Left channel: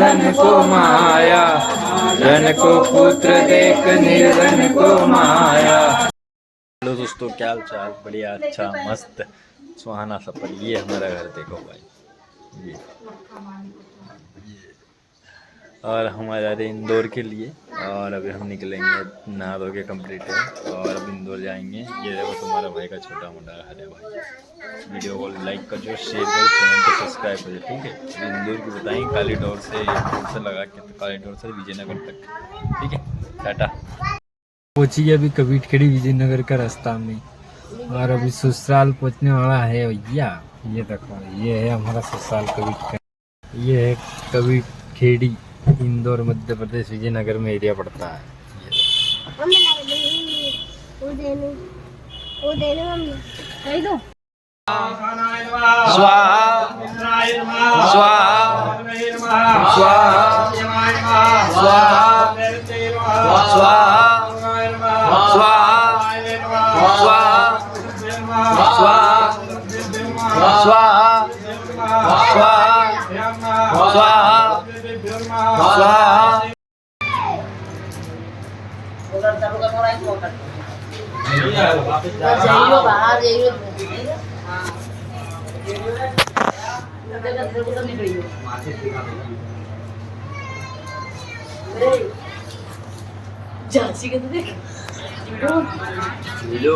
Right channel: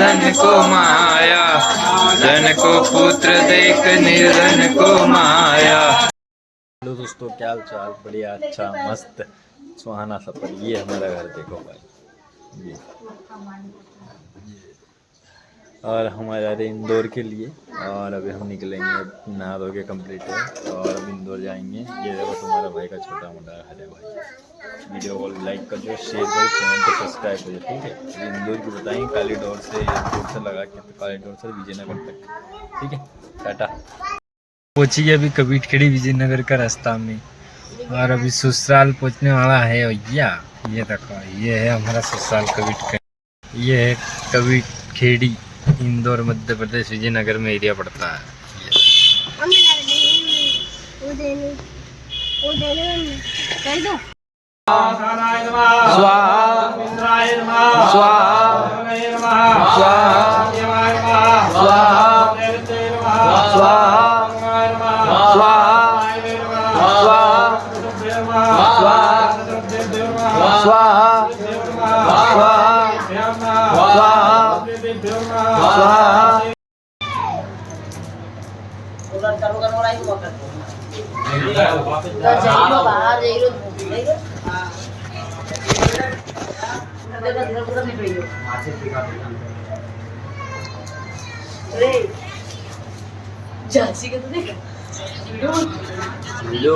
धन को माया, धन को पुत्र देख निर्धन को माया। हेलो दोस्तों, क्या हाल चाल? बढ़िया, अच्छा, मस्त, सुहाना सफर। ये हमारा घर देखो भाई, ये और हम आ जा रहे हैं इंदौर के लिए। और अभी हम निकलेंगे, नहा धो के कम्प्लीट है और अब इंदौर जाएंगे। ये देखो तुम्हारा भाई का छोटा मोटा हरे भाई। वीडियो को लाइक कर जो, शेयर करो, चैनल को सब्सक्राइब कर जो, ठीक है। अभी इंदौर की बताएंगे कालीडोर से, एयरपोर्ट से लगा के, तो कालीडोर से विजयनगर तक, ठीक है। टाटा। पहुंची गया अभी कबीर खेड़ी विजयनगर का रास्ता में, और अभी ससुराल पहुंचने वाला है भैया। ये देखो, ये है हमारा ससुराल कबीर खेड़ी। ये है कबीर खेड़ी, इंदौर मध्य प्रदेश विजयनगर में एरिया पड़ता है। स्वाहा स्वाहा स्वाहा स्वाहा स्वाहा स्वाहा स्वाहा स्वाहा। झांसी का तो देखा वीडियो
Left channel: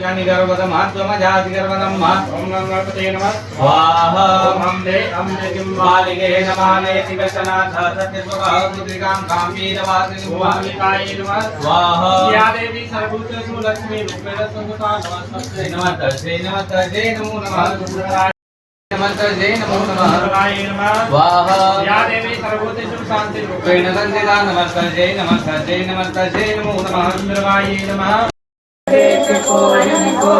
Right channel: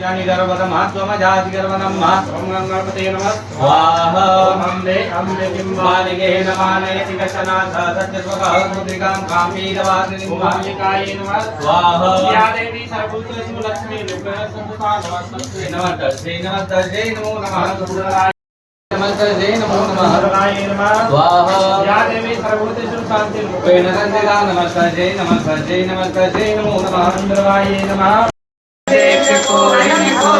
यानी गर्भवतम हाथों जाति गर्भवतम हाथ ओम गणपते नमः स्वाहा ओम हमने किंबालिके नमाने तिकसना सत्यस्वभाव मुद्रिकां कामीदवासिनी मुहामिकाय नमः स्वाहा या देवी सर्वभूतेषु लक्ष्मी रूपेण संस्था नमस्ते नमस्ते नमो नमः गुरुराय नमस्ते नमो नमः गुरुराय नमः स्वाहा या देवी सर्वभूतेषु शांति रूपेण संस्था नमस्ते नमो नमः गुरुराय नमः। देख कोई को